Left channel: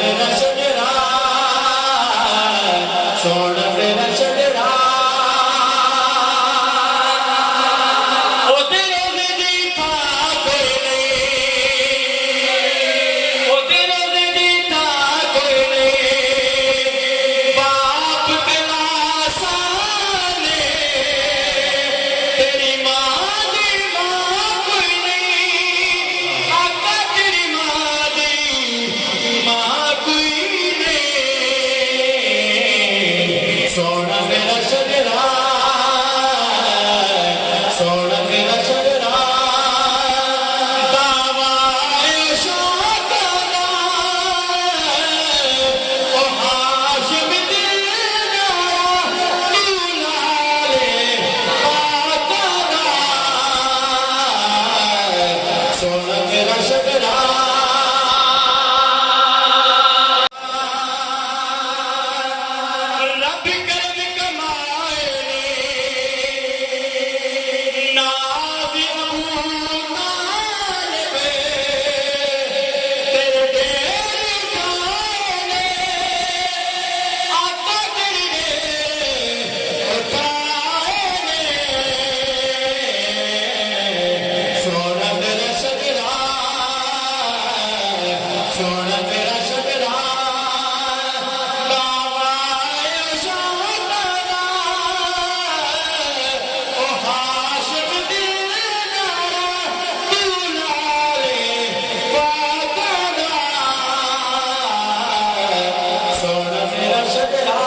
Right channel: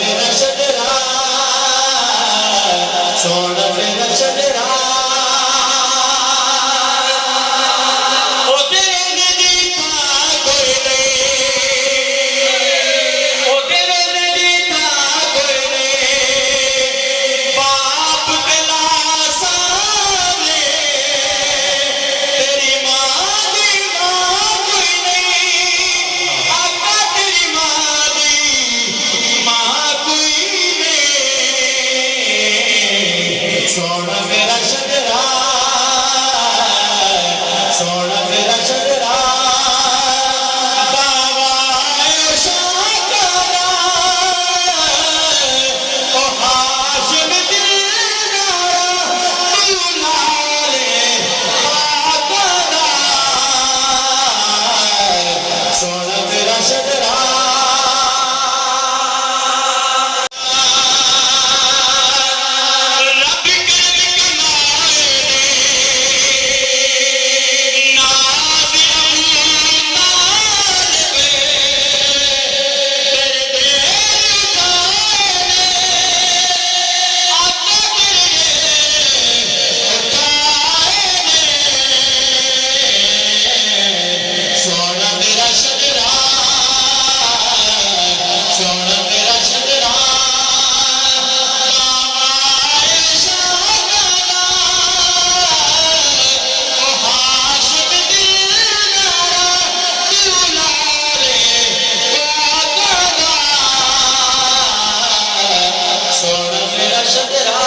میرا شجرا سونا میرا شجرا او تیرے نزدیک تھا کوئی نہیں او تیرے نزدیک تھا کوئی نہیں باپ کے لاسانے تیری ماں دی ماں کوئی نہیں آقا تیری ماں دی ماں کوئی نہیں سونا میرا شجرا سونا میرا شجرا باوائے شاکرا او ہاشم دلدارا تو لالے پاکرا سونا میرا شجرا رب کرم کمائے دے ناز ابو طالب تیرے دیر اٹھائے دے آقا تیرے دیر اٹھائے دے سونا میرا شجرا سونا میرا شجرا باوائے شاکرا او ہاشم دلدارا تو لالے پاکرا سونا میرا شجرا